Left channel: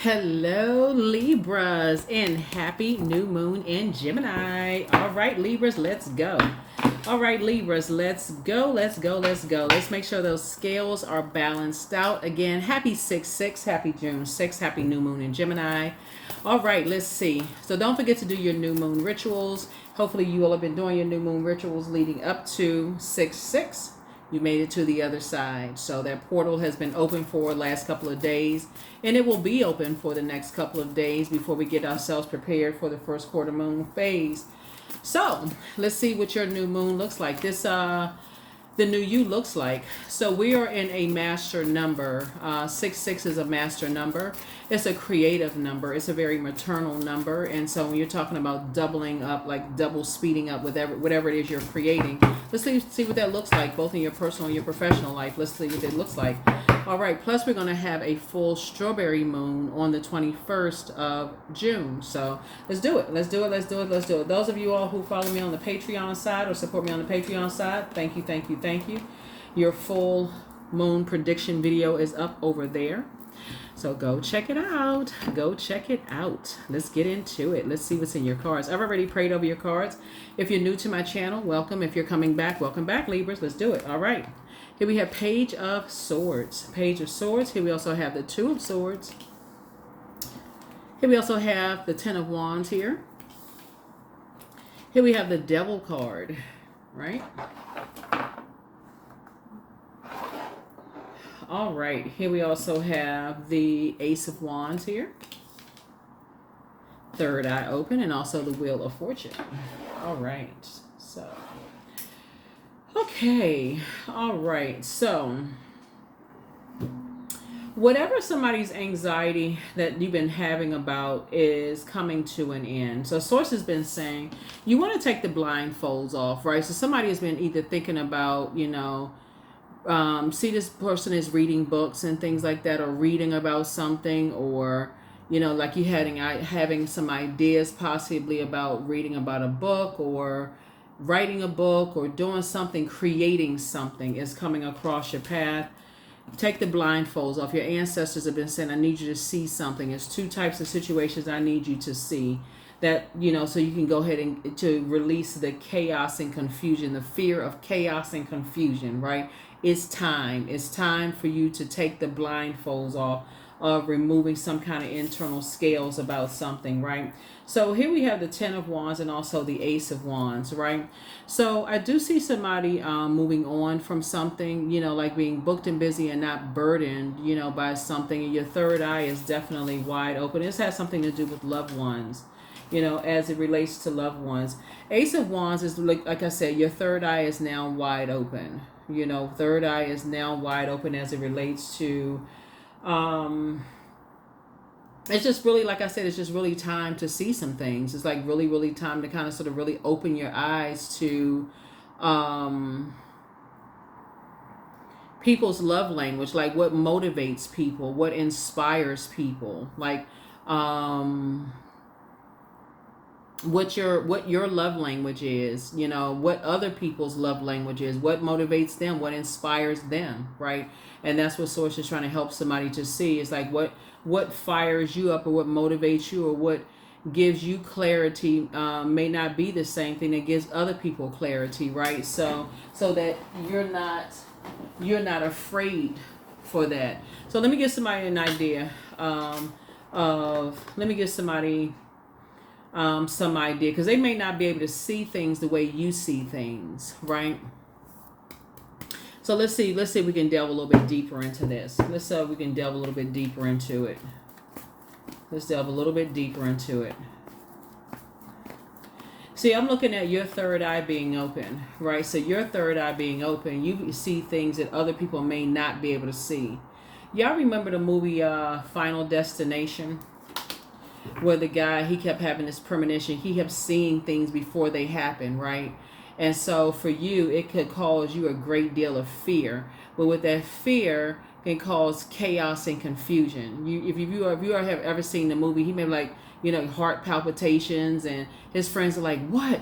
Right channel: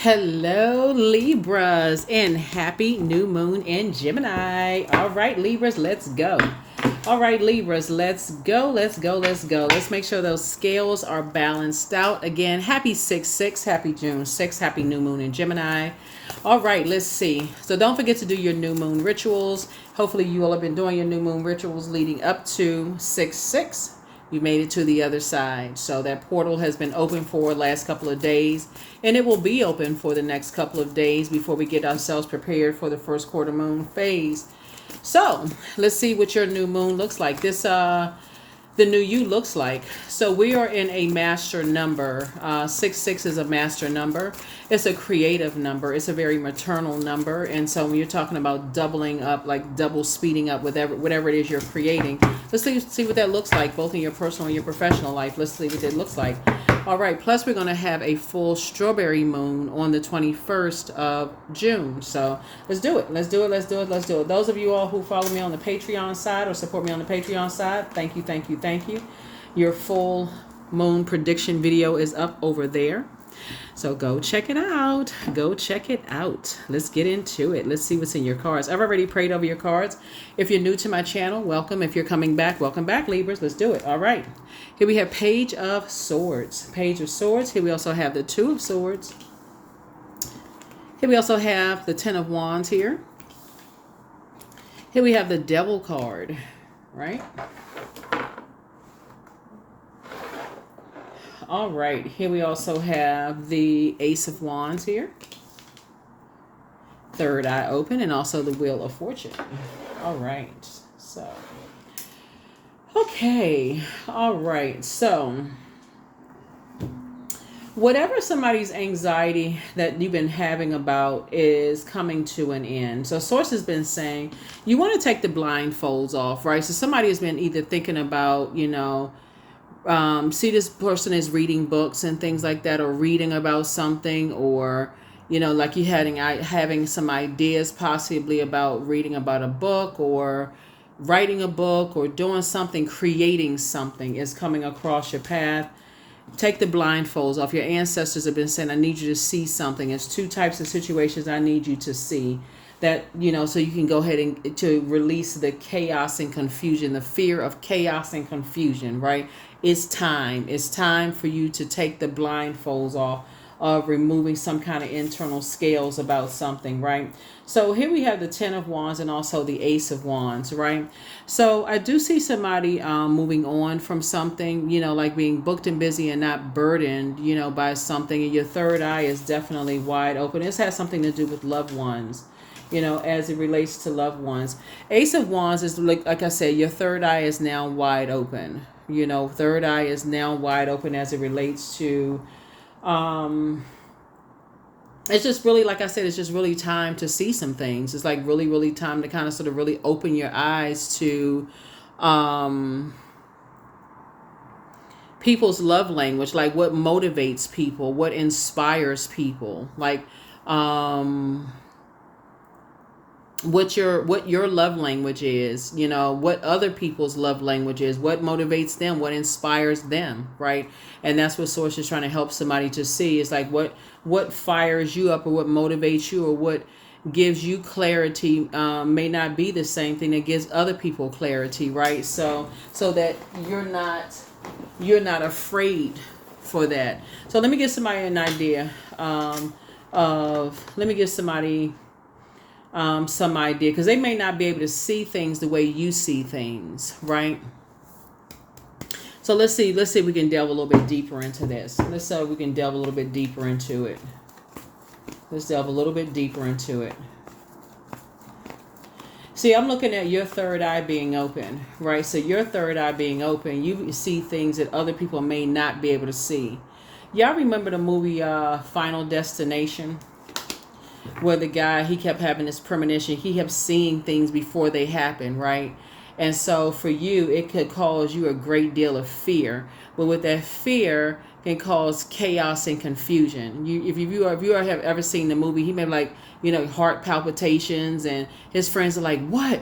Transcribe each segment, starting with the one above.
Hello, Libras, and happy new moon in Gemini. All right, Libras, let's go. All right, Libras, let's go. Let's make sure those scales are balanced out. Again, happy 6-6, happy June 6th, happy new moon in Gemini. All right, let's see. So don't forget to do your new moon rituals. Hopefully you will have been doing your new moon rituals leading up to 6-6. You made it to the other side. So that portal has been open for the last couple of days, and it will be open for the next couple of days before we get ourselves prepared for the first quarter moon phase. So let's see what your new moon looks like. The new you looks like. So we are in a master number. 6-6 is a master number. It's a creative number. It's a very maternal number. And so when you're talking about doubling up, like double speeding up whatever it is you're creating, let's see what that looks like, both in your personal and your professional life. Let's see what it looks like. All right. Plus, we're going to have a full strawberry moon on the 21st of June. So let's do it. Let's do it. Those of you all who follow me on the Patreon side or support me on the Patreon side, thank you. Your full moon prediction video is up over there. So go check it out. Let's get into it. Let's see what's in your cards. I've already prayed over your cards. If you're new to my channel, welcome. If you're coming back, welcome back, Libras. Let's do it. All right. Here we have Page of Swords. Here we also have the Two of Swords. Here we also have the Ten of Wands here. Here we have the Devil card, right? All right, here we also have the Ace of Wands here. Third eye open, and also the Wheel of Fortune. All right, so. Okay, all right, so. Whatever somebody's anxiety that you've been having about is coming to an end. So Source has been saying, you want to take the blindfolds off, right? So somebody has been either thinking about, see this person is reading books and things like that, or reading about something, or like you having some ideas possibly about reading about a book or writing a book or doing something, creating something is coming across your path. Take the blindfolds off. Your ancestors have been saying, I need you to see something. It's two types of situations I need you to see. That, so you can go ahead and to release the chaos and confusion, the fear of chaos and confusion, right? It's time. It's time for you to take the blindfolds off of removing some kind of internal scales about something, right? So here we have the Ten of Wands and also the Ace of Wands, right? So I do see somebody moving on from something, like being booked and busy and not burdened, by something. And your third eye is definitely wide open. This has something to do with loved ones, as it relates to loved ones. Ace of Wands is like I said, your third eye is now wide open. Third eye is now wide open as it relates to, it's just really, like I said, it's just really time to see some things. It's like really, really time to kind of sort of really open your eyes to, people's love language, like what motivates people, what inspires people, like, what your love language is, what other people's love language is, what motivates them, what inspires them, right? And that's what Source is trying to help somebody to see, is like what fires you up, or what motivates you, or what gives you clarity may not be the same thing that gives other people clarity, right? So that you're not afraid for that. So let me give somebody an idea let me give somebody some idea, because they may not be able to see things the way you see things, right? So let's see if we can delve a little bit deeper into this. Let's see if we can delve a little bit deeper into it. See, I'm looking at your third eye being open, right? So your third eye being open, you see things that other people may not be able to see. Y'all remember the movie Final Destination? Where the guy, he kept having this premonition. He kept seeing things before they happen, right? And so for you, it could cause you a great deal of fear. But with that fear, can cause chaos and confusion. If you have ever seen the movie, he may be heart palpitations, and his friends are like, what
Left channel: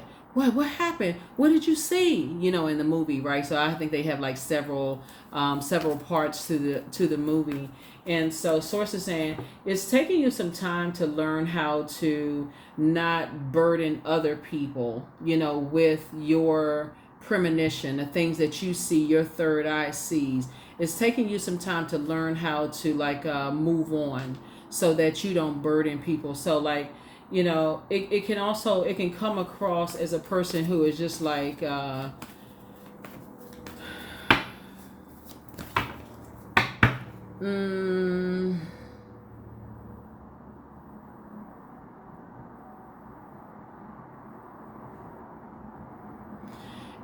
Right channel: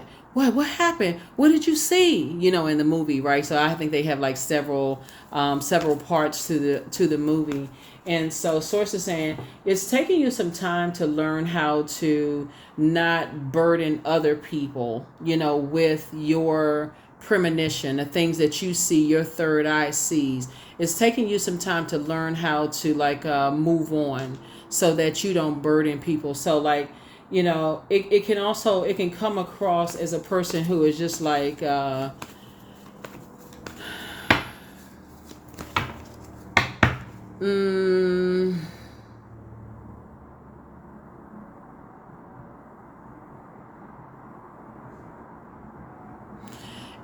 happened? What did you see? In the movie, right? So I think they have like several parts to the movie. And so source is saying it's taking you some time to learn how to not burden other people, with your premonition, the things that you see, your third eye sees. It's taking you some time to learn how to move on so that you don't burden people. So it can come across as a person who is just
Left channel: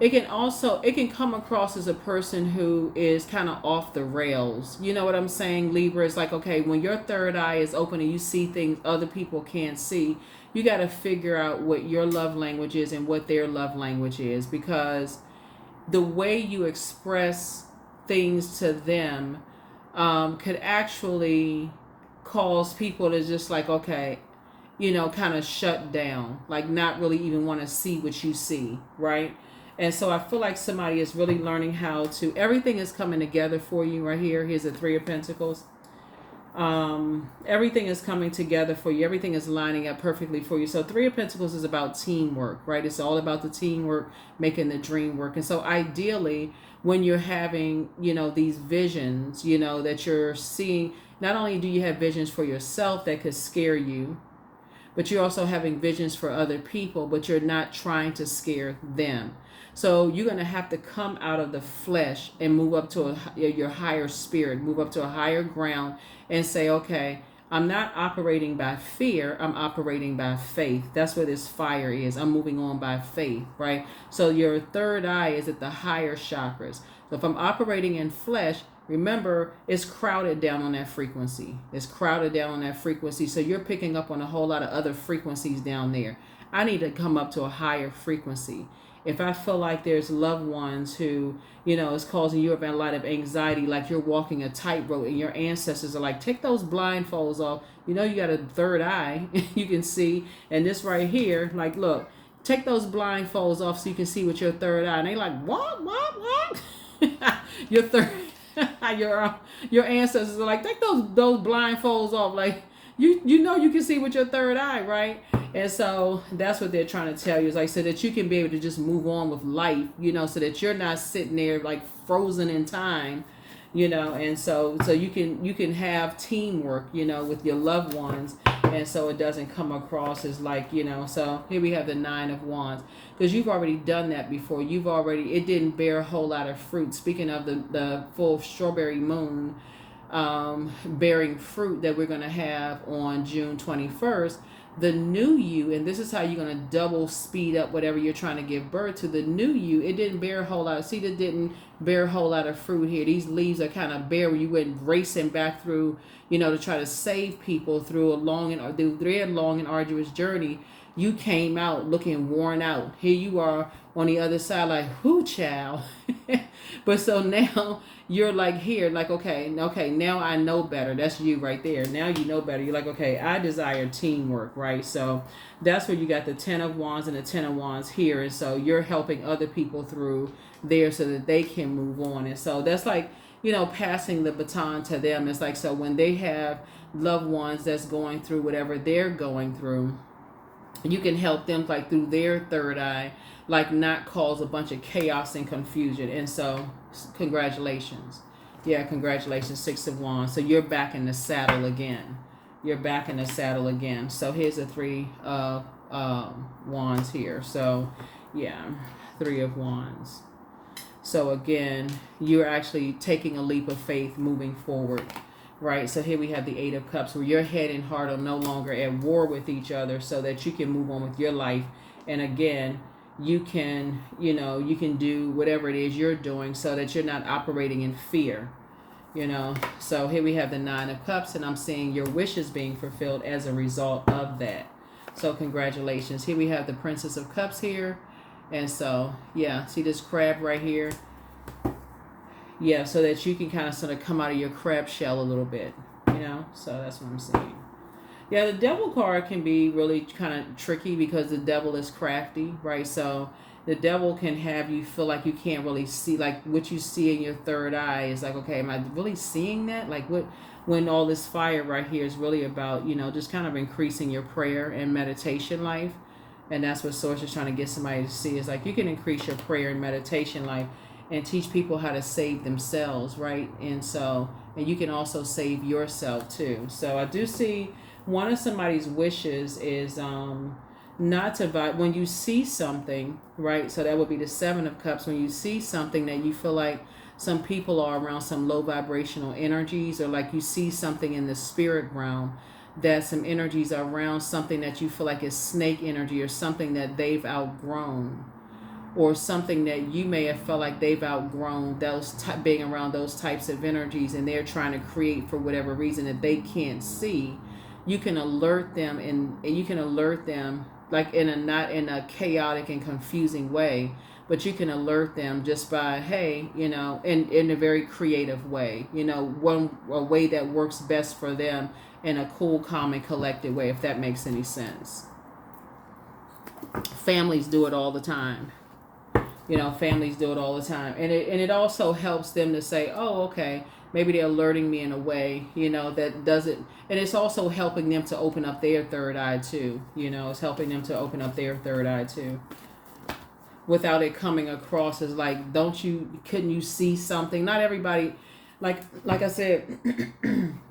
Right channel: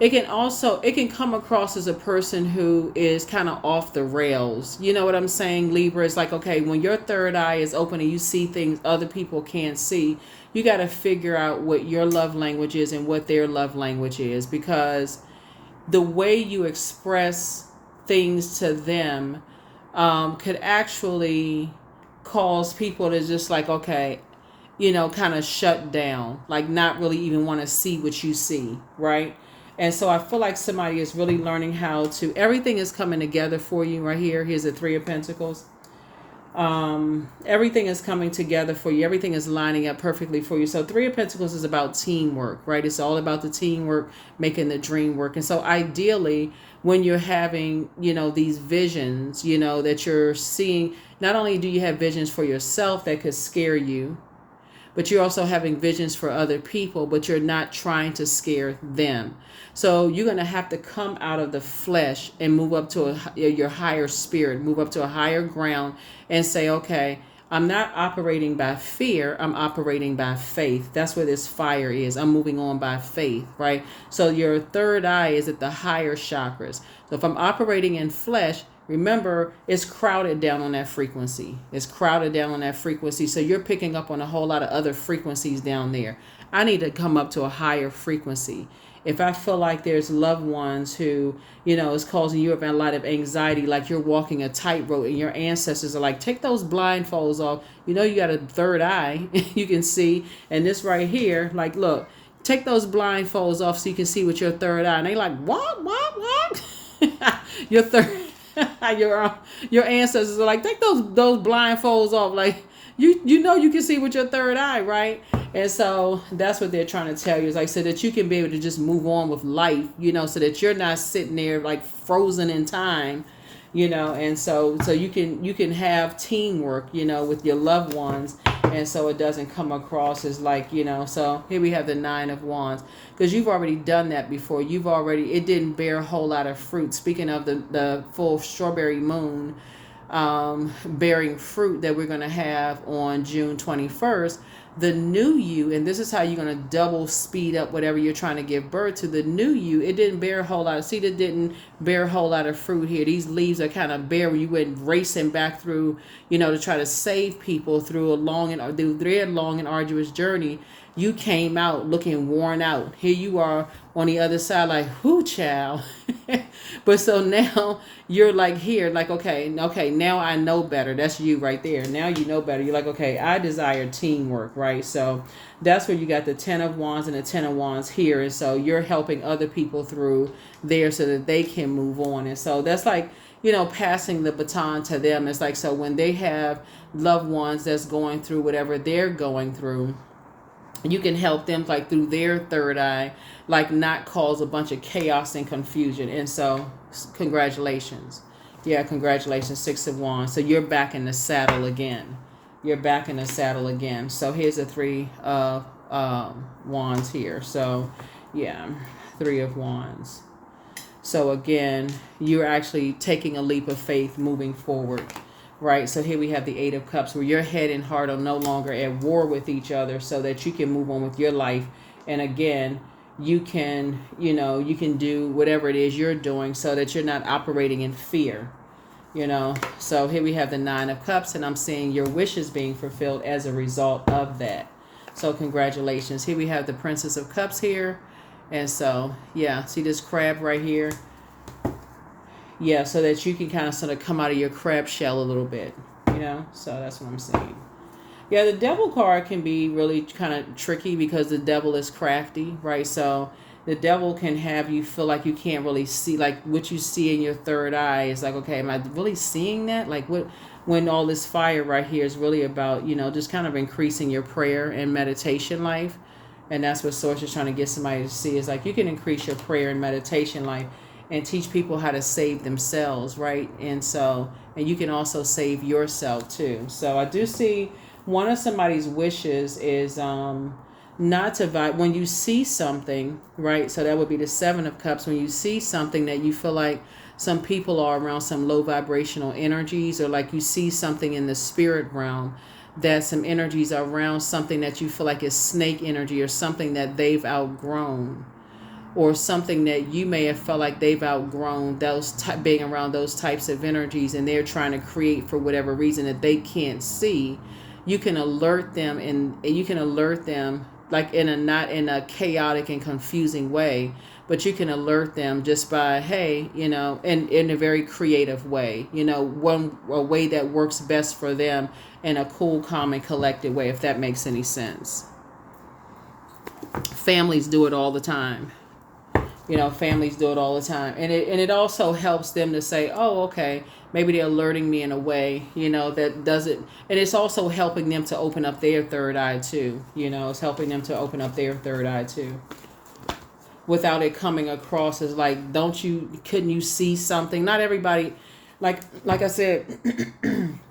it can come across as a person who is kind of off the rails. You know what I'm saying, Libra? It's like, okay, when your third eye is open and you see things other people can't see, you got to figure out what your love language is and what their love language is, because the way you express things to them could actually cause people to just okay, kind of shut down, like not really even want to see what you see, right? And so I feel like somebody is really learning how to, everything is coming together for you right here. Here's the Three of Pentacles. Everything is coming together for you. Everything is lining up perfectly for you. So Three of Pentacles is about teamwork, right? It's all about the teamwork, making the dream work. And so ideally, when you're having, these visions, that you're seeing, not only do you have visions for yourself that could scare you, but you're also having visions for other people, but you're not trying to scare them. So you're going to have to come out of the flesh and move up to your higher spirit, move up to a higher ground and say, okay, I'm not operating by fear. I'm operating by faith. That's where this fire is. I'm moving on by faith, right? So your third eye is at the higher chakras. So if I'm operating in flesh, remember, it's crowded down on that frequency. It's crowded down on that frequency. So you're picking up on a whole lot of other frequencies down there. I need to come up to a higher frequency. If I feel like there's loved ones who, is causing you a lot of anxiety, like you're walking a tightrope and your ancestors are like, take those blindfolds off. You got a third eye, you can see. And this right here, like, look, take those blindfolds off so you can see with your third eye. And they like, what? Your third your ancestors are like, take those blindfolds off, like you can see with your third eye, right? And so that's what they're trying to tell you, is like, so that you can be able to just move on with life, so that you're not sitting there like frozen in time, and so you can have teamwork, with your loved ones, and so it doesn't come across as like, so here we have the Nine of Wands, because you've already done that before. It didn't bear a whole lot of fruit. Speaking of the full strawberry moon bearing fruit that we're going to have on June 21st, the new you, and this is how you're going to double speed up whatever you're trying to give birth to. The new you, it didn't bear a whole lot of seed. It didn't bear a whole lot of fruit here. These leaves are kind of bare when you went racing back through, to try to save people through their long and arduous journey. You came out looking worn out. Here you are on the other side, like, whoo, child. But so now you're like here, like, okay, now I know better. That's you right there. Now you know better. You're like, okay, I desire teamwork, right? So that's where you got the Ten of Wands and the Ten of Wands here. And so you're helping other people through there so that they can move on. And so that's like, passing the baton to them. It's like, so when they have loved ones that's going through whatever they're going through, you can help them like through their third eye, like not cause a bunch of chaos and confusion. And so congratulations. Yeah, congratulations, Six of Wands. So you're back in the saddle again. So here's the Three of Wands here. So yeah, Three of Wands. So again, you're actually taking a leap of faith moving forward. Right, so here we have the Eight of Cups, where your head and heart are no longer at war with each other, so that you can move on with your life. And again, you can do whatever it is you're doing, so that you're not operating in fear. So here we have the Nine of Cups, and I'm seeing your wishes being fulfilled as a result of that. So congratulations. Here we have the Princess of Cups here, and so yeah, see this crab right here. Yeah, so that you can kind of sort of come out of your crab shell a little bit, So that's what I'm saying. Yeah, the Devil card can be really kind of tricky because the Devil is crafty, right? So the Devil can have you feel like you can't really see, like what you see in your third eye is like, okay, am I really seeing that? Like when all this fire right here is really about, just kind of increasing your prayer and meditation life. And that's what Source is trying to get somebody to see, is like you can increase your prayer and meditation life and teach people how to save themselves, right? And you can also save yourself too. So I do see one of somebody's wishes is not to when you see something, right? So that would be the Seven of Cups. When you see something that you feel like some people are around some low vibrational energies, or like you see something in the spirit realm, that some energies are around something that you feel like is snake energy, or something that they've outgrown, or something that you may have felt like they've outgrown, being around those types of energies, and they're trying to create for whatever reason that they can't see. You can alert them, and you can alert them like not in a chaotic and confusing way, but you can alert them just by, hey, in a very creative way, a way that works best for them, in a cool, calm, and collected way, if that makes any sense. Families do it all the time. Families do it all the time. And it also helps them to say, oh, okay, maybe they're alerting me in a way, that doesn't, and it's also helping them to open up their third eye too. It's helping them to open up their third eye too, without it coming across as like, couldn't you see something? Not everybody, like I said,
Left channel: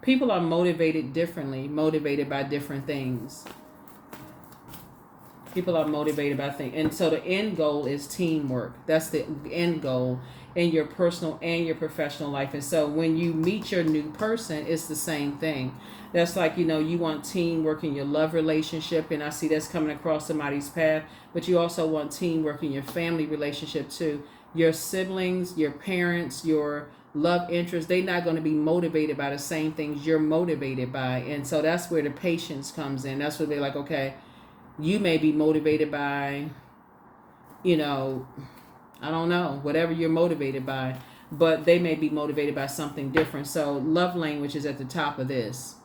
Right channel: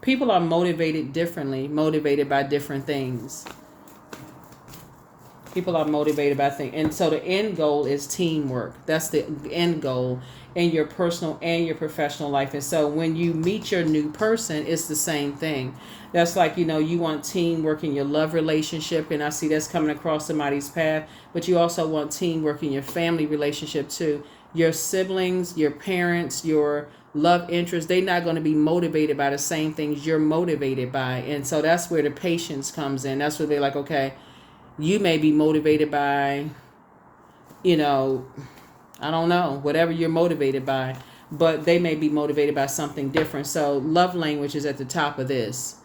people are motivated differently, motivated by different things. People are motivated by things. And so the end goal is teamwork. That's the end goal in your personal and your professional life. And so when you meet your new person, it's the same thing. That's like, you want teamwork in your love relationship. And I see that's coming across somebody's path. But you also want teamwork in your family relationship too. Your siblings, your parents, your love interest, they're not going to be motivated by the same things you're motivated by. And so that's where the patience comes in. That's where they're like, okay, you may be motivated by, I don't know, whatever you're motivated by, but they may be motivated by something different. So love language is at the top of this.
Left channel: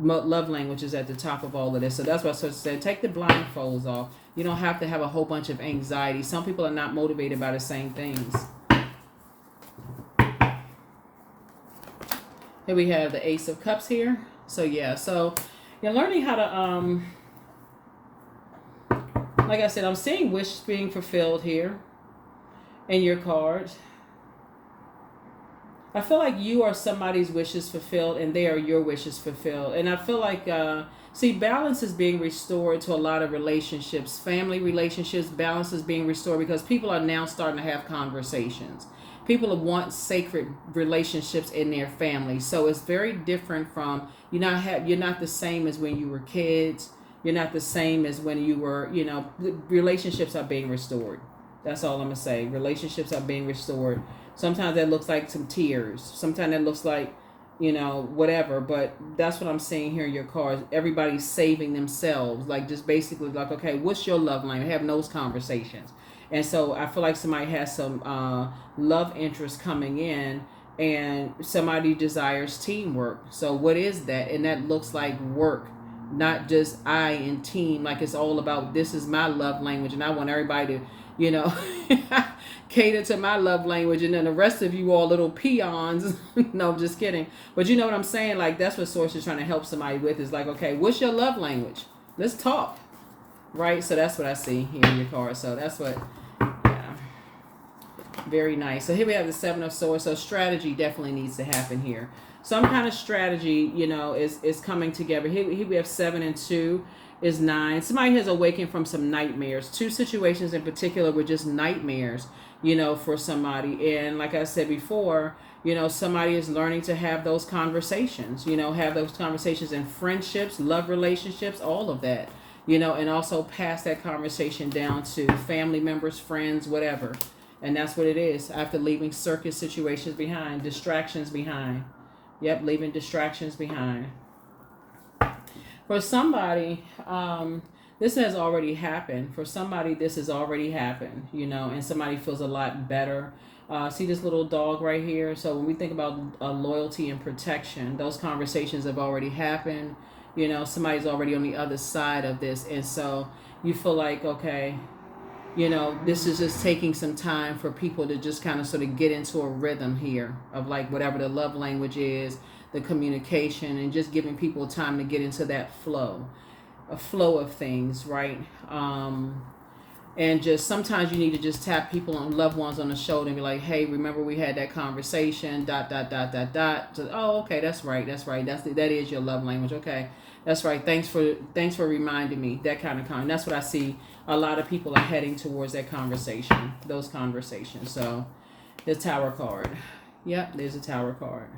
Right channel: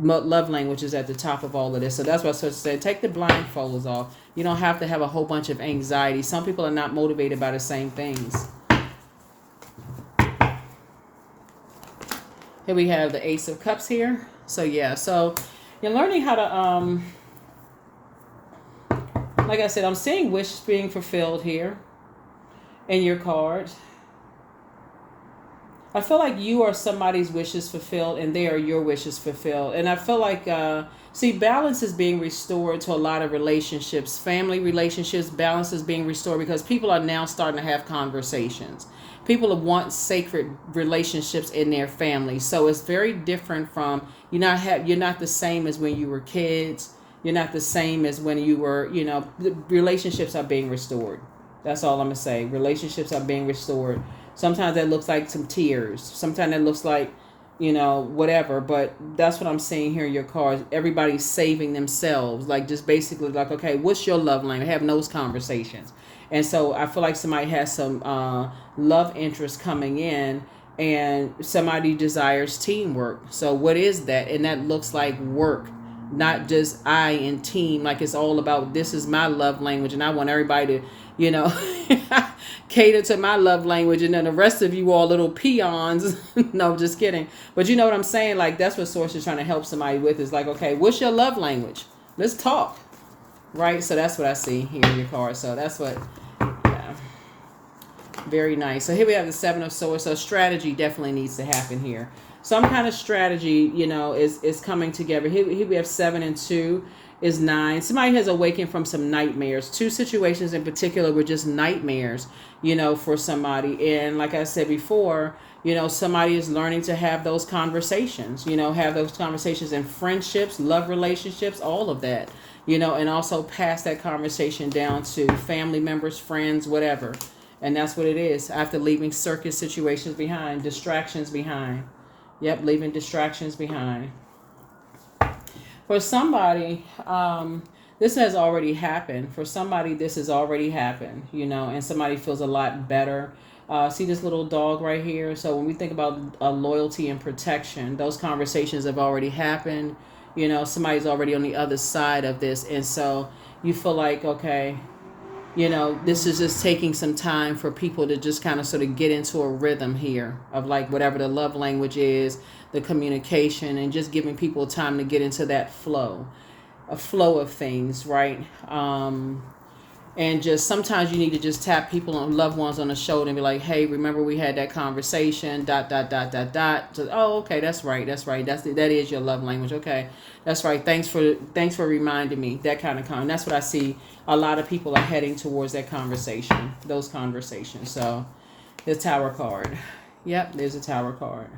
Love language is at the top of all of this. So that's why I said, take the blindfolds off. You don't have to have a whole bunch of anxiety. Some people are not motivated by the same things. Here we have the Ace of Cups here. So yeah, so you're learning how to, like I said, I'm seeing wishes being fulfilled here in your cards. I feel like you are somebody's wishes fulfilled, and they are your wishes fulfilled. And I feel like, balance is being restored to a lot of relationships, family relationships. Balance is being restored because people are now starting to have conversations. People want sacred relationships in their family. So it's very different from, you're not the same as when you were kids. You're not the same as when you were, relationships are being restored. That's all I'm going to say. Relationships are being restored. Sometimes that looks like some tears. Sometimes that looks like, whatever. But that's what I'm seeing here in your cards. Everybody's saving themselves. Like, just basically like, okay, what's your love language? Have those conversations. And so I feel like somebody has some love interest coming in, and somebody desires teamwork. So what is that? And that looks like work. Not just I and team, like it's all about, this is my love language and I want everybody to, cater to my love language, and then the rest of you all little peons. No, just kidding. But you know what I'm saying? Like, that's what Source is trying to help somebody with, is like, okay, what's your love language? Let's talk. Right? So that's what I see here in your card. So that's what, yeah. Very nice. So here we have the Seven of Swords. So strategy definitely needs to happen here. Some kind of strategy, is coming together. Here we have 7 and 2 is 9. Somebody has awakened from some nightmares. 2 situations in particular were just nightmares, for somebody. And like I said before, somebody is learning to have those conversations, have those conversations in friendships, love relationships, all of that, and also pass that conversation down to family members, friends, whatever. And that's what it is. After leaving circus situations behind, distractions behind. Yep, leaving distractions behind. For somebody, this has already happened. For somebody, this has already happened, and somebody feels a lot better. See this little dog right here? So when we think about loyalty and protection, those conversations have already happened. Somebody's already on the other side of this. And so you feel like, okay, this is just taking some time for people to just kind of sort of get into a rhythm here of like whatever the love language is, the communication, and just giving people time to get into that flow, a flow of things, right? And just sometimes you need to just tap people on loved ones on the shoulder and be like, hey, remember we had that conversation, dot, dot, dot, dot, dot. So, oh, okay, that's right. That is your love language. Okay. That's right. Thanks for reminding me. That kind of comment. That's what I see. A lot of people are heading towards that conversation, those conversations. So the Tower card. Yep, there's a Tower card.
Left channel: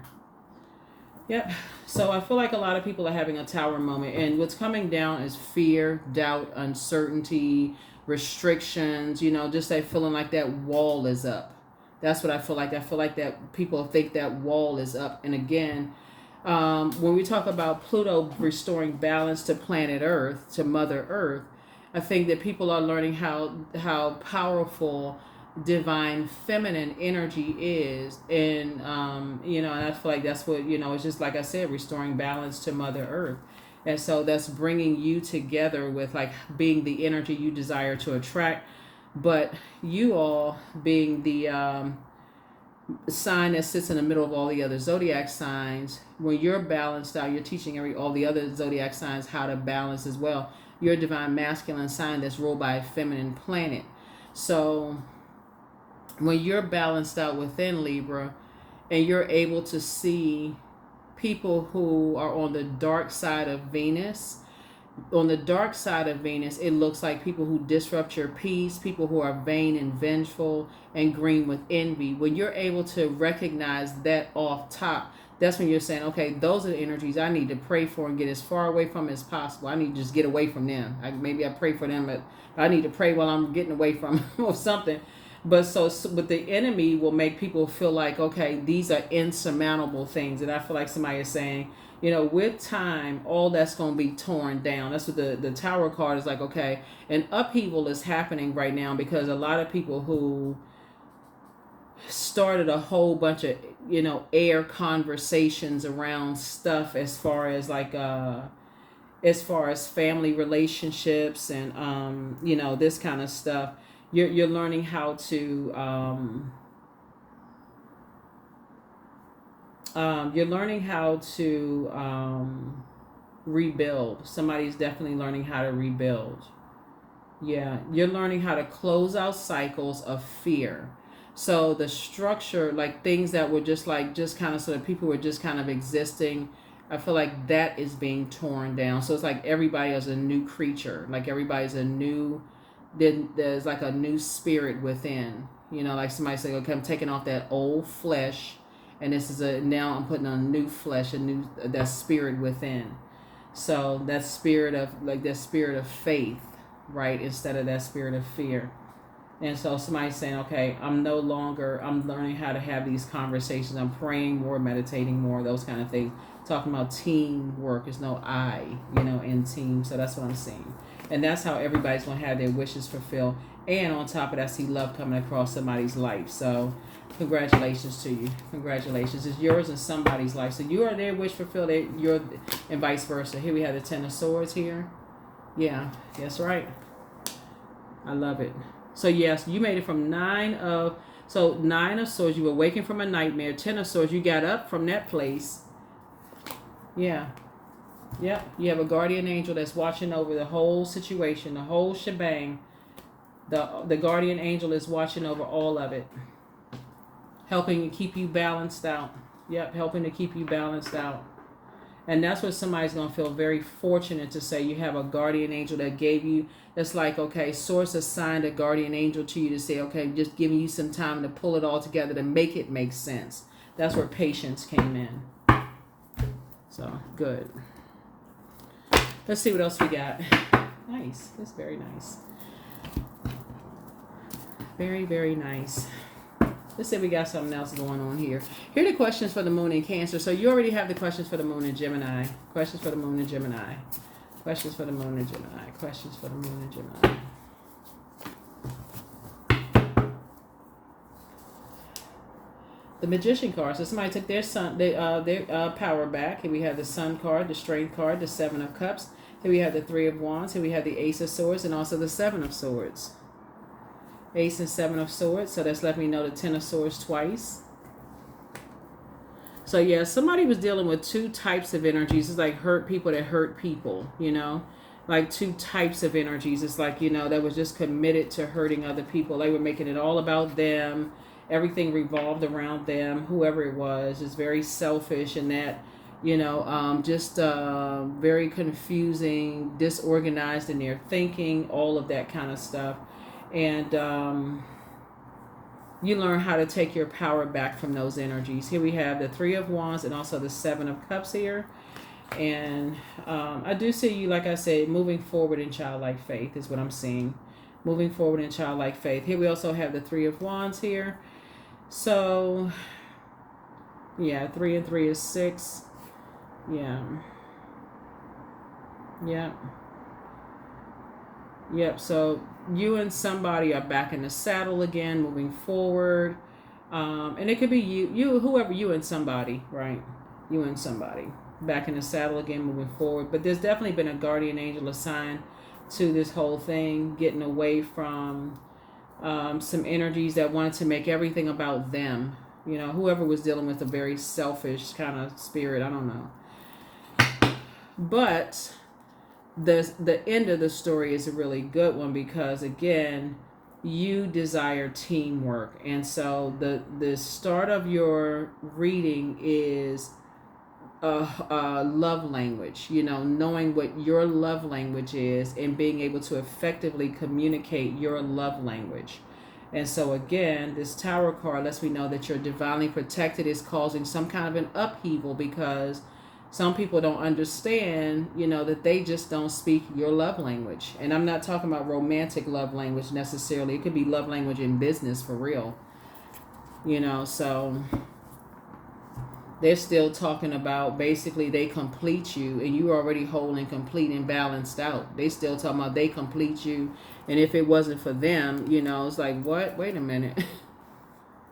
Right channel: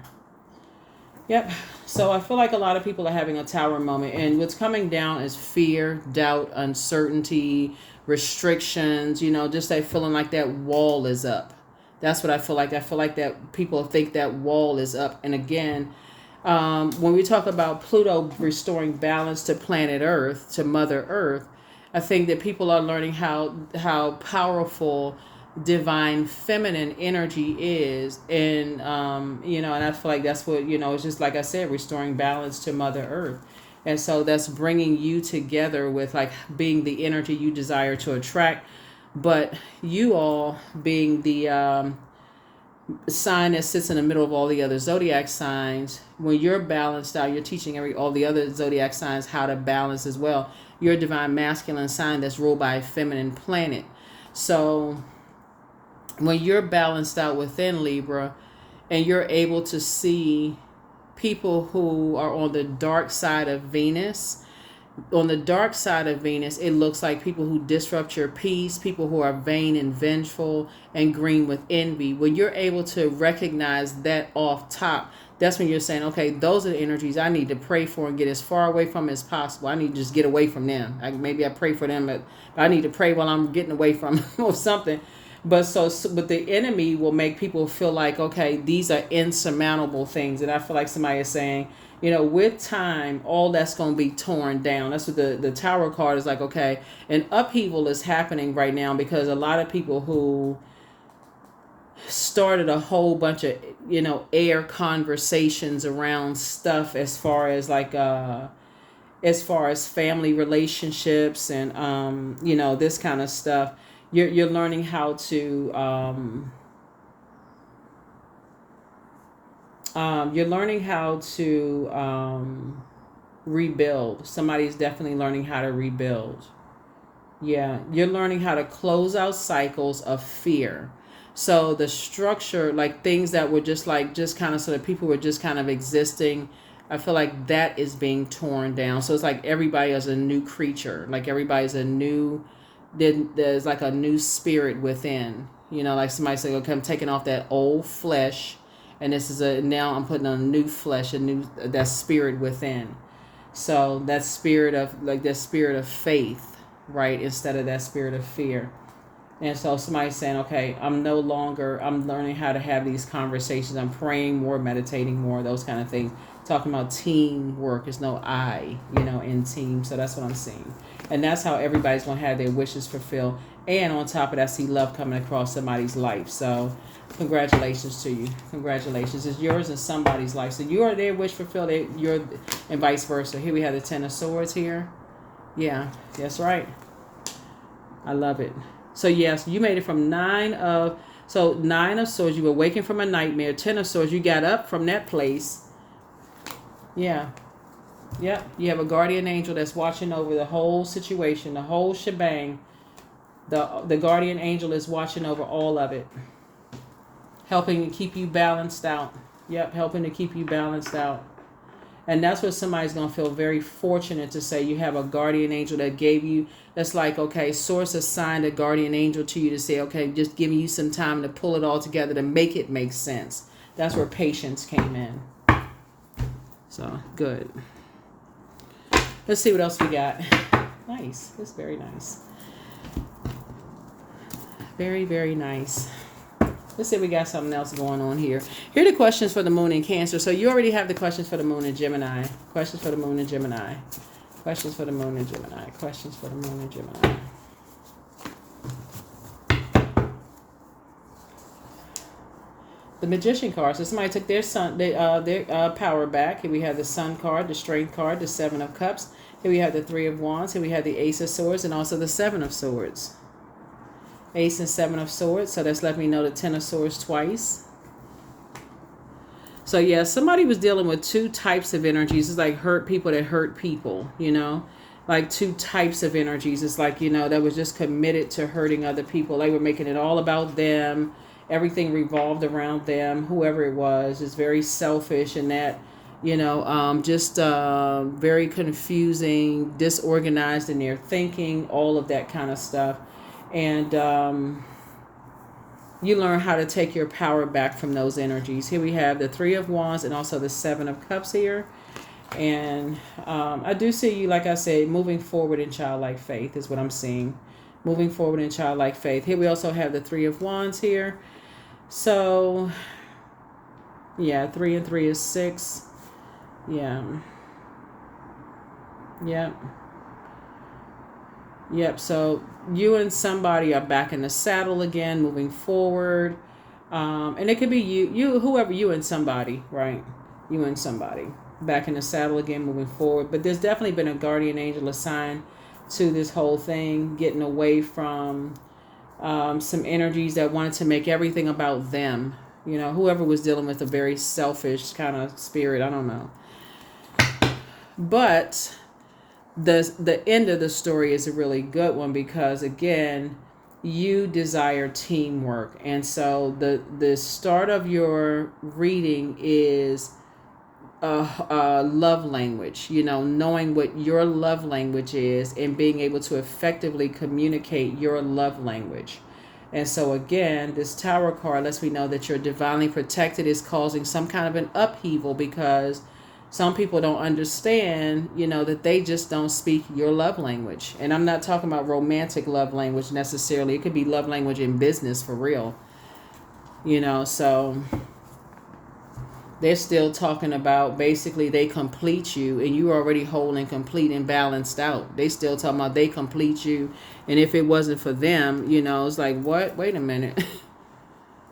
Yep. So I feel like a lot of people are having a Tower moment, and what's coming down is fear, doubt, uncertainty, restrictions, just that feeling like that wall is up. That's what I feel like. I feel like that people think that wall is up. And again, when we talk about Pluto restoring balance to planet Earth, to Mother Earth, I think that people are learning how powerful divine feminine energy is. And, and I feel like that's what, it's just like I said, restoring balance to Mother Earth. And so that's bringing you together with like being the energy you desire to attract, but you all being the sign that sits in the middle of all the other zodiac signs. When you're balanced out, you're teaching all the other zodiac signs how to balance as well. You're a divine masculine sign that's ruled by a feminine planet. So when you're balanced out within Libra, and you're able to see people who are on the dark side of Venus. On the dark side of Venus, it looks like people who disrupt your peace, people who are vain and vengeful and green with envy. When you're able to recognize that off top, that's when you're saying, okay, those are the energies I need to pray for and get as far away from as possible. I need to just get away from them. Maybe I pray for them, but I need to pray while I'm getting away from them or something. But the enemy will make people feel like, okay, these are insurmountable things. And I feel like somebody is saying, with time, all that's going to be torn down. That's what the Tower card is like, okay. An upheaval is happening right now because a lot of people who started a whole bunch of, air conversations around stuff as far as like, as far as family relationships and, this kind of stuff. You're learning how to rebuild. Somebody's definitely learning how to rebuild. Yeah, you're learning how to close out cycles of fear. So the structure, like things that were just kind of so that people were just kind of existing, I feel like that is being torn down. So it's like everybody is a new creature, like everybody's a new. Then there's like a new spirit within, like somebody say, okay, I'm taking off that old flesh, and now I'm putting on a new flesh, that spirit within. So that spirit of faith, right, instead of that spirit of fear. And so somebody's saying, okay, I'm learning how to have these conversations. I'm praying more, meditating more, those kind of things. Talking about teamwork. There's no I, in team. So that's what I'm seeing. And that's how everybody's going to have their wishes fulfilled. And on top of that, I see love coming across somebody's life. So congratulations to you. Congratulations. It's yours and somebody's life. So you are their wish fulfilled, and vice versa. Here we have the Ten of Swords here. Yeah, that's right. I love it. So yes, you made it from Nine of Swords. You were waking from a nightmare. Ten of Swords. You got up from that place. Yeah. Yep, you have a guardian angel that's watching over the whole situation, the whole shebang. The guardian angel is watching over all of it, helping to keep you balanced out. Yep, helping to keep you balanced out. And that's what somebody's going to feel very fortunate to say. You have a guardian angel that gave you, that's like, okay, source assigned a guardian angel to you to say, okay, just giving you some time to pull it all together to make it make sense. That's where patience came in. So, good. Let's see what else we got. Nice. That's very nice. Very, very nice. Let's see if we got something else going on here. Here are the questions for the moon in Cancer. So you already have the questions for the moon in Gemini. Questions for the moon in Gemini. Questions for the moon in Gemini. Questions for the moon in Gemini. The Magician card. So somebody took their power back. Here we have the Sun card, the Strength card, the Seven of Cups. Here we have the Three of Wands. Here we have the Ace of Swords and also the Seven of Swords. Ace and Seven of Swords. So that's let me know the Ten of Swords twice. So yeah, somebody was dealing with two types of energies. It's like hurt people that hurt people, like two types of energies. It's like, that was just committed to hurting other people. They were making it all about them. Everything revolved around them, whoever it was. It's very selfish, and that, just very confusing, disorganized in their thinking, all of that kind of stuff. And you learn how to take your power back from those energies. Here we have the Three of Wands and also the Seven of Cups here. And I do see you, like I said, moving forward in childlike faith is what I'm seeing. Moving forward in childlike faith. Here we also have the Three of Wands here. So, yeah, 3 and 3 is 6. Yeah. Yep. Yep. So you and somebody are back in the saddle again, moving forward. And it could be whoever, you and somebody, right? You and somebody back in the saddle again, moving forward. But there's definitely been a guardian angel assigned to this whole thing, getting away from some energies that wanted to make everything about them. Whoever was dealing with a very selfish kind of spirit, I don't know. But the end of the story is a really good one, because again, you desire teamwork. And so the start of your reading is love language, knowing what your love language is and being able to effectively communicate your love language. And so again, this Tower card lets me know that you're divinely protected. Is causing some kind of an upheaval, because some people don't understand, that they just don't speak your love language. And I'm not talking about romantic love language necessarily. It could be love language in business for real. So they're still talking about basically they complete you, and you already whole and complete and balanced out. They still talking about they complete you. And if it wasn't for them, it's like, what? Wait a minute.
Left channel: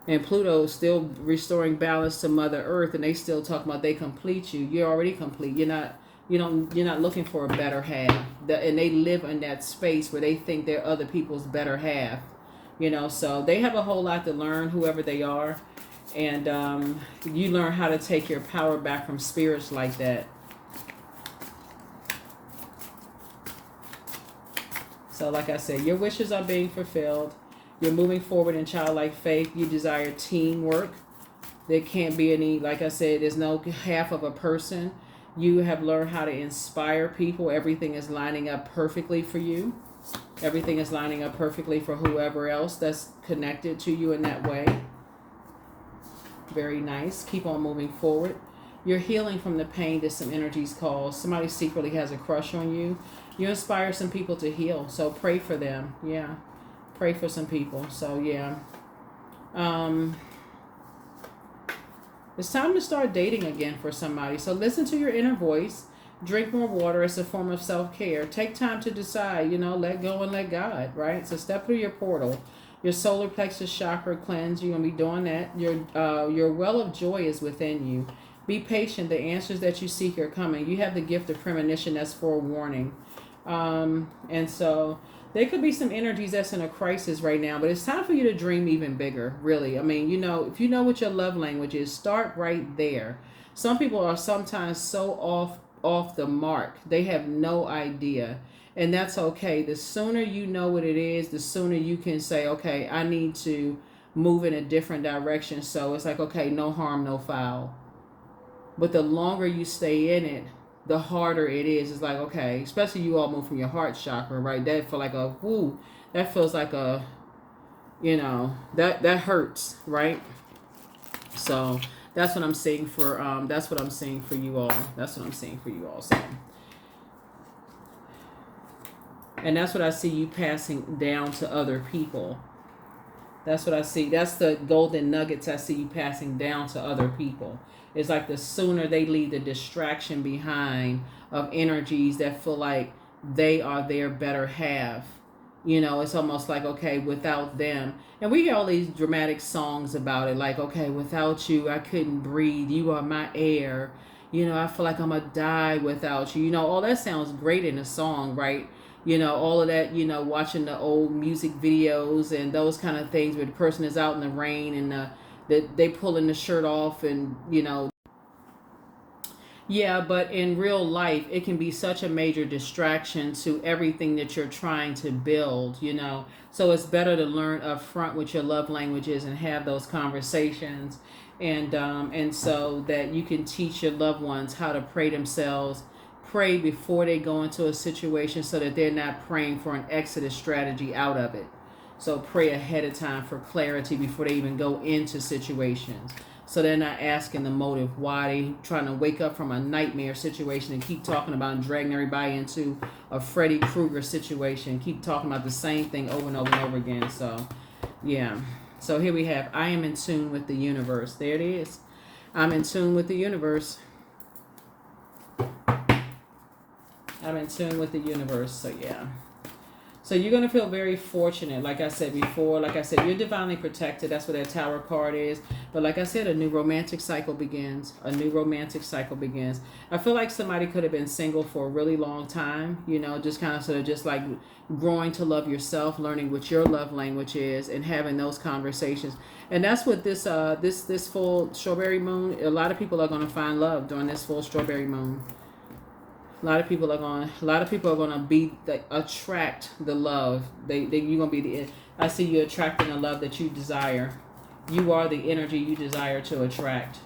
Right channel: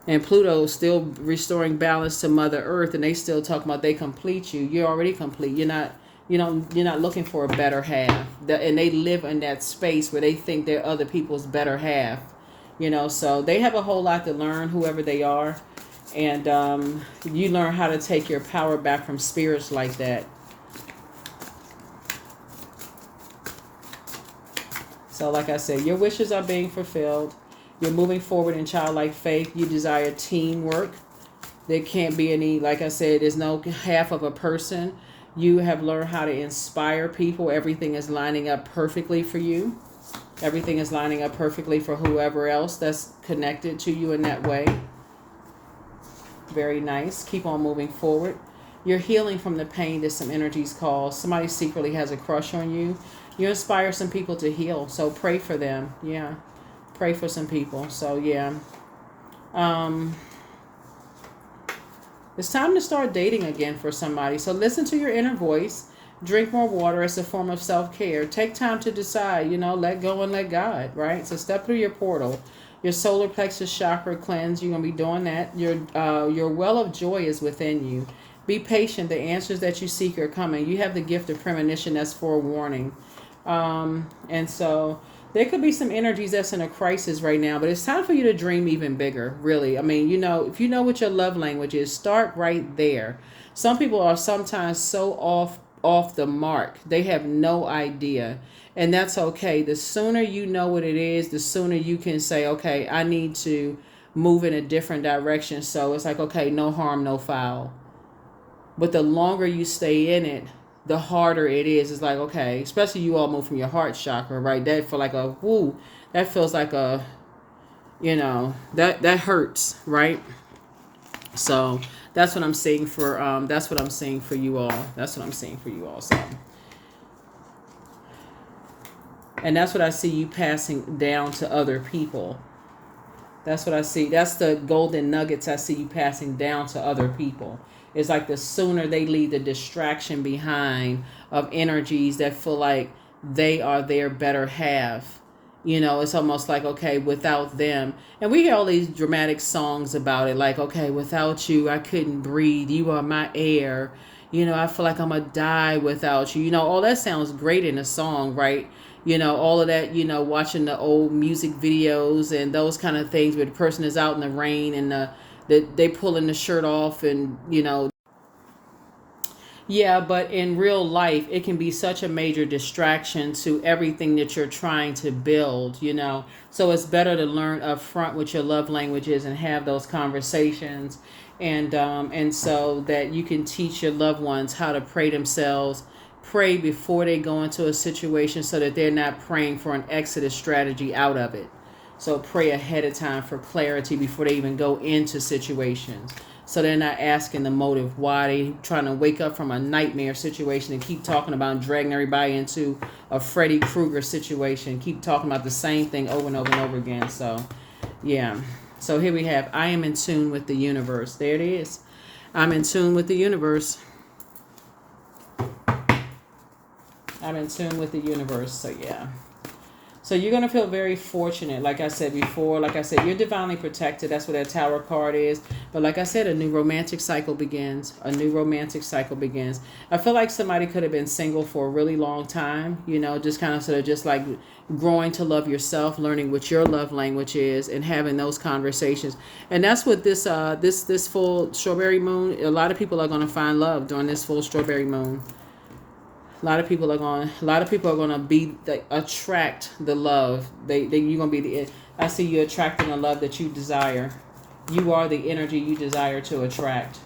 And Pluto's still restoring balance to Mother Earth, and they still talking about they complete you. You're already complete. You're not looking for a better half. And they live in that space where they think they're other people's better half. So they have a whole lot to learn, whoever they are. And you learn how to take your power back from spirits like that. So like I said, your wishes are being fulfilled. You're moving forward in childlike faith. You desire teamwork. There can't be any, like I said, there's no half of a person. You have learned how to inspire people. Everything is lining up perfectly for you. Everything is lining up perfectly for whoever else that's connected to you in that way. Very nice. Keep on moving forward. You're healing from the pain that some energies cause. Somebody secretly has a crush on you. You inspire some people to heal. So pray for them. Yeah. Pray for some people. So yeah. It's time to start dating again for somebody. So listen to your inner voice. Drink more water as a form of self-care. Take time to decide, let go and let God, right? So step through your portal. Your solar plexus chakra cleanse. You're going to be doing that. Your well of joy is within you. Be patient. The answers that you seek are coming. You have the gift of premonition. That's forewarning. And so there could be some energies that's in a crisis right now, but it's time for you to dream even bigger, really. I mean, if you know what your love language is, start right there. Some people are sometimes so off the mark. They have no idea. And that's okay. The sooner you know what it is, the sooner you can say, okay, I need to move in a different direction. So it's like, okay, no harm, no foul. But the longer you stay in it, the harder it is. It's like, okay, especially you all move from your heart chakra, right? That feel like a woo. That feels like a, that hurts, right? So that's what I'm seeing for that's what I'm seeing for you all. That's what I'm seeing for you all. So, and that's what I see you passing down to other people. That's what I see. That's the golden nuggets I see you passing down to other people. It's like the sooner they leave the distraction behind of energies that feel like they are their better half. It's almost like, okay, without them. And we hear all these dramatic songs about it. Like, okay, without you, I couldn't breathe. You are my air. I feel like I'm going to die without you. All that sounds great in a song, right? All of that, watching the old music videos and those kind of things where the person is out in the rain and they pulling the shirt off and, Yeah, but in real life, it can be such a major distraction to everything that you're trying to build, you know. So it's better to learn up front what your love language is and have those conversations, and so that you can teach your loved ones how to pray themselves, pray before they go into a situation, so that they're not praying for an exodus strategy out of it. So pray ahead of time for clarity before they even go into situations. So they're not asking the motive why they trying to wake up from a nightmare situation and keep talking about dragging everybody into a Freddy Krueger situation. Keep talking about the same thing over and over and over again. So, yeah. So here we have, I am in tune with the universe. There it is. I'm in tune with the universe. I'm in tune with the universe. So, yeah. So you're going to feel very fortunate. Like I said before, like I said, you're divinely protected. That's what that Tower card is. But like I said, a new romantic cycle begins. A new romantic cycle begins. I feel like somebody could have been single for a really long time, you know, just kind of sort of just like growing to love yourself, learning what your love language is, and having those conversations. And that's what this full strawberry moon, a lot of people are going to find love during this full strawberry moon. A lot of people are going to be attract the love. You're going to be the. I see you attracting the love that you desire. You are the energy you desire to attract.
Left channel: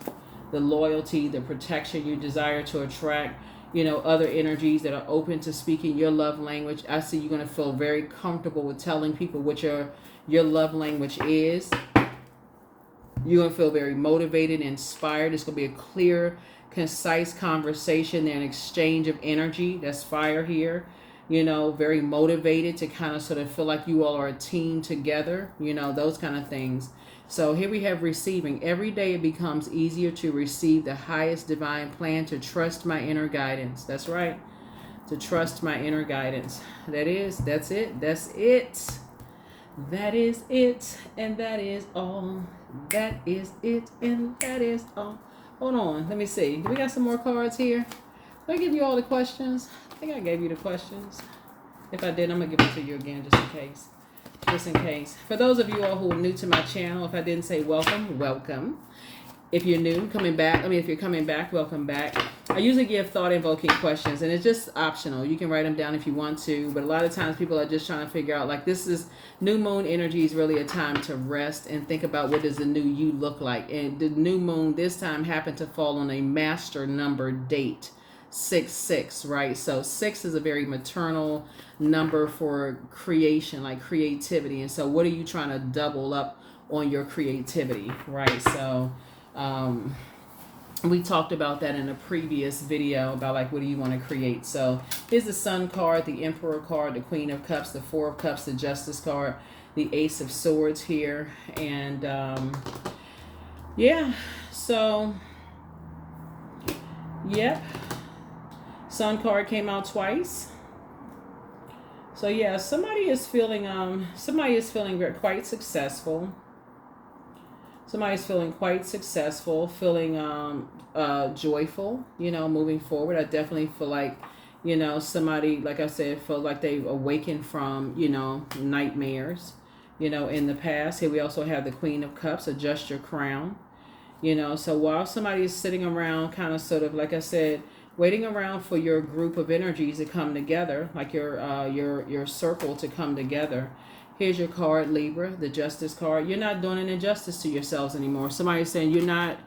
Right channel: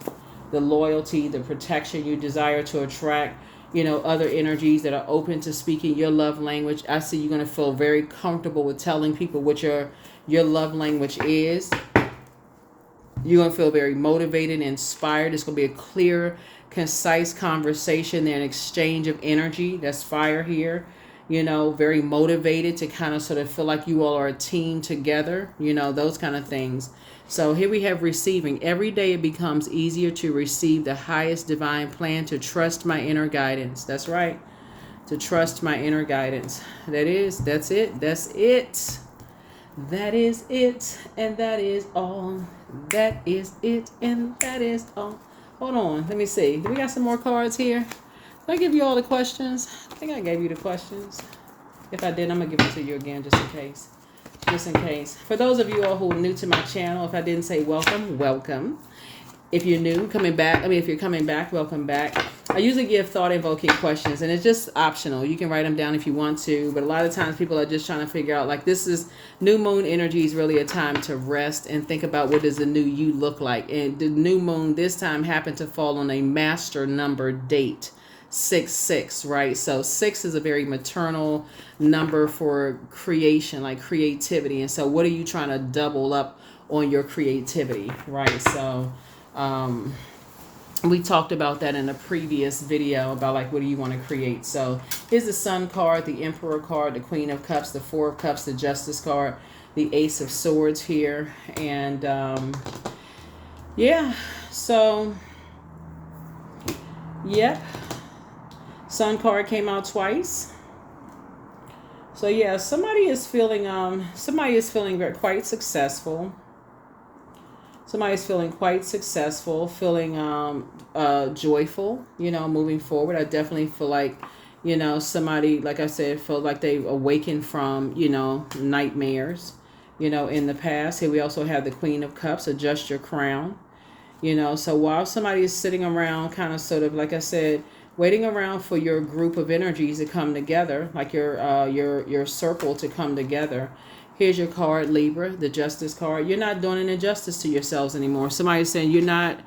The loyalty, the protection you desire to attract. You know, other energies that are open to speaking your love language. I see you're going to feel very comfortable with telling people what your love language is. You're going to feel very motivated, inspired. It's going to be a clear, concise conversation and exchange of energy. That's fire here. You know, very motivated to kind of sort of feel like you all are a team together. You know, those kind of things. So here we have receiving. Every day it becomes easier to receive the highest divine plan, to trust my inner guidance. That's right. To trust my inner guidance. That's it. That is it, and that is all. That is it, and that is all. Hold on, let me see. Do we got some more cards here? Did I give you all the questions? I think I gave you the questions. If I did, I'm going to give it to you again just in case. Just in case. For those of you all who are new to my channel, if I didn't say welcome, welcome. If you're new, if you're coming back, welcome back. I usually give thought-invoking questions, and it's just optional. You can write them down if you want to, but a lot of times people are just trying to figure out, like, this is new moon energy is really a time to rest and think about what does the new you look like. And the new moon this time happened to fall on a master number date, 6-6, right? So 6 is a very maternal number for creation, like creativity. And so what are you trying to double up on your creativity, right? So we talked about that in a previous video about like what do you want to create. So here's the Sun card, the Emperor card, the Queen of Cups, the Four of Cups, the Justice card, the Ace of Swords here. And yeah, so yep, Sun card came out twice. So yeah, somebody is feeling quite successful. Somebody's feeling quite successful, feeling joyful, you know, moving forward. I definitely feel like, you know, somebody, like I said, feel like they've awakened from, you know, nightmares, you know, in the past. Here we also have the Queen of Cups, adjust your crown, you know. So while somebody is sitting around kind of sort of, like I said, waiting around for your group of energies to come together, like your circle to come together. Here's your card, Libra, the Justice card. You're not doing an injustice to yourselves anymore. Somebody's saying you're not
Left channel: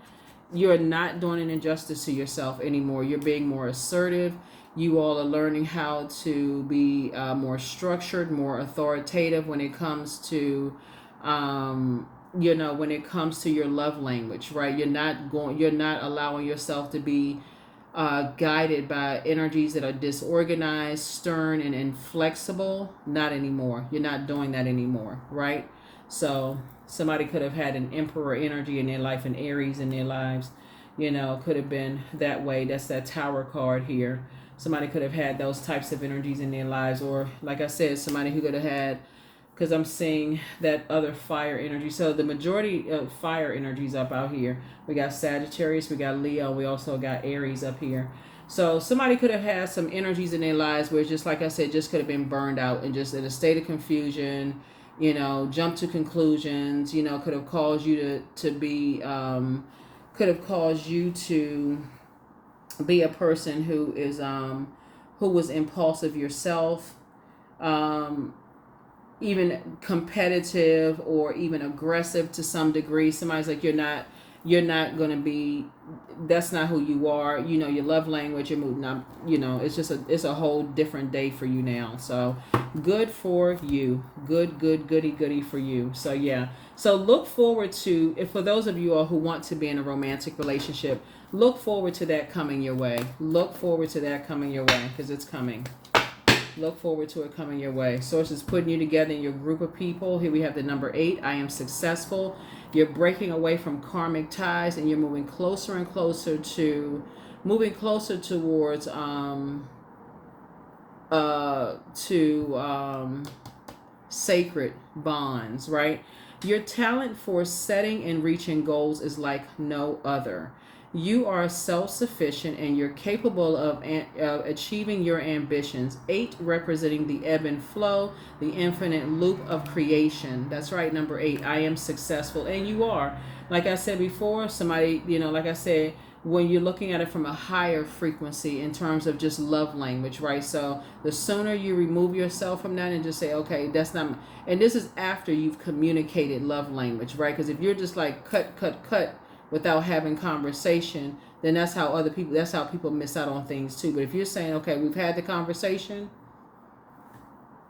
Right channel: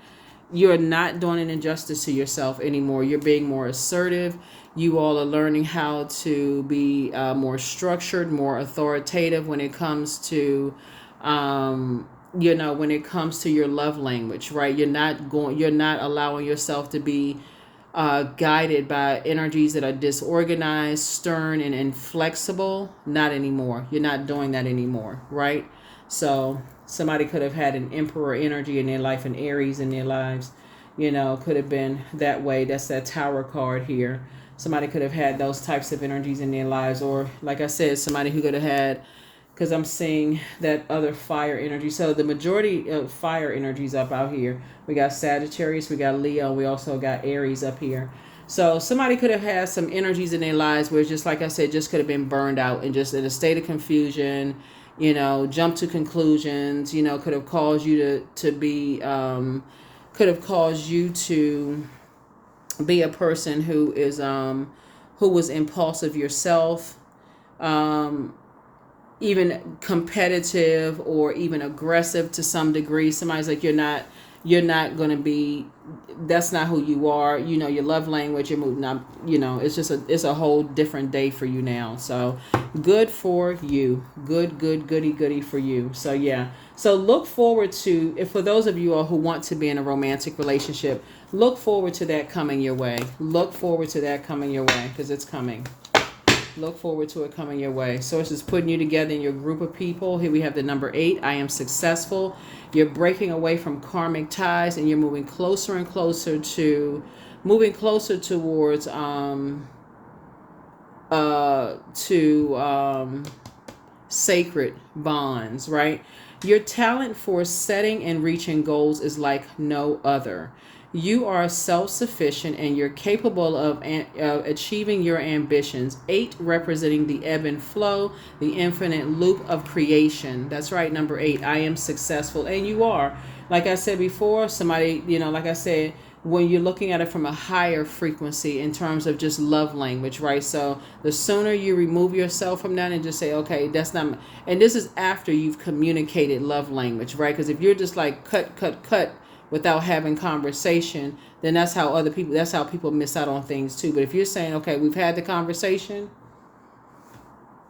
doing an injustice to yourself anymore. You're being more assertive. You all are learning how to be more structured, more authoritative when it comes to, you know, when it comes to your love language, right? You're not allowing yourself to be guided by energies that are disorganized, stern, and inflexible. Not anymore. You're not doing that anymore, right? So somebody could have had an Emperor energy in their life, an Aries in their lives, you know, could have been that way. That's that Tower card here. Somebody could have had those types of energies in their lives, or like I said, somebody who could have had, because I'm seeing that other fire energy. So the majority of fire energies up out here. We got Sagittarius, we got Leo, we also got Aries up here. So somebody could have had some energies in their lives where, just like I said, just could have been burned out and just in a state of confusion, you know, jump to conclusions, you know, could have caused you to be, could have caused you to be a person who was impulsive yourself, um, even competitive or even aggressive to some degree. Somebody's like, you're not going to be, that's not who you are. You know, your love language, you're moving up, it's a whole different day for you now. So good for you. Goody for you. So yeah. So look forward to, if for those of you all who want to be in a romantic relationship, look forward to that coming your way. Look forward to that coming your way, because it's coming. Look forward to it coming your way. Source is putting you together in your group of people. Here we have the number 8. I am successful. You're breaking away from karmic ties, and you're moving closer and closer towards sacred bonds, right? Your talent for setting and reaching goals is like no other. You are self-sufficient and you're capable of achieving your ambitions. 8 representing the ebb and flow, the infinite loop of creation. That's right, number 8. I am successful, and you are. Like I said before, somebody, like I said, when you're looking at it from a higher frequency in terms of just love language, right? So the sooner you remove yourself from that and just say, okay, that's not, and this is after you've communicated love language, right? Because if you're just like cut without having conversation, then that's how people miss out on things too. But if you're saying, okay, we've had the conversation,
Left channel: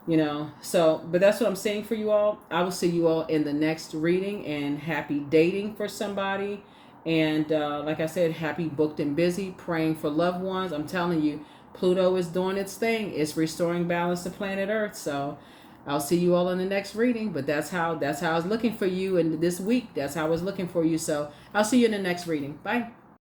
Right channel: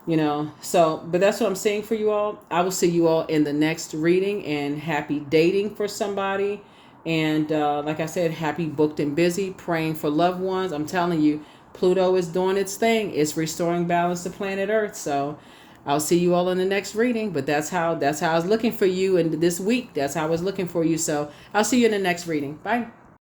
but that's what I'm saying for you all. I will see you all in the next reading, and happy dating for somebody. And like I said, happy booked and busy, praying for loved ones. I'm telling you, Pluto is doing its thing. It's restoring balance to planet Earth. So I'll see you all in the next reading. But that's how I was looking for you, and this week, that's how I was looking for you. So I'll see you in the next reading. Bye.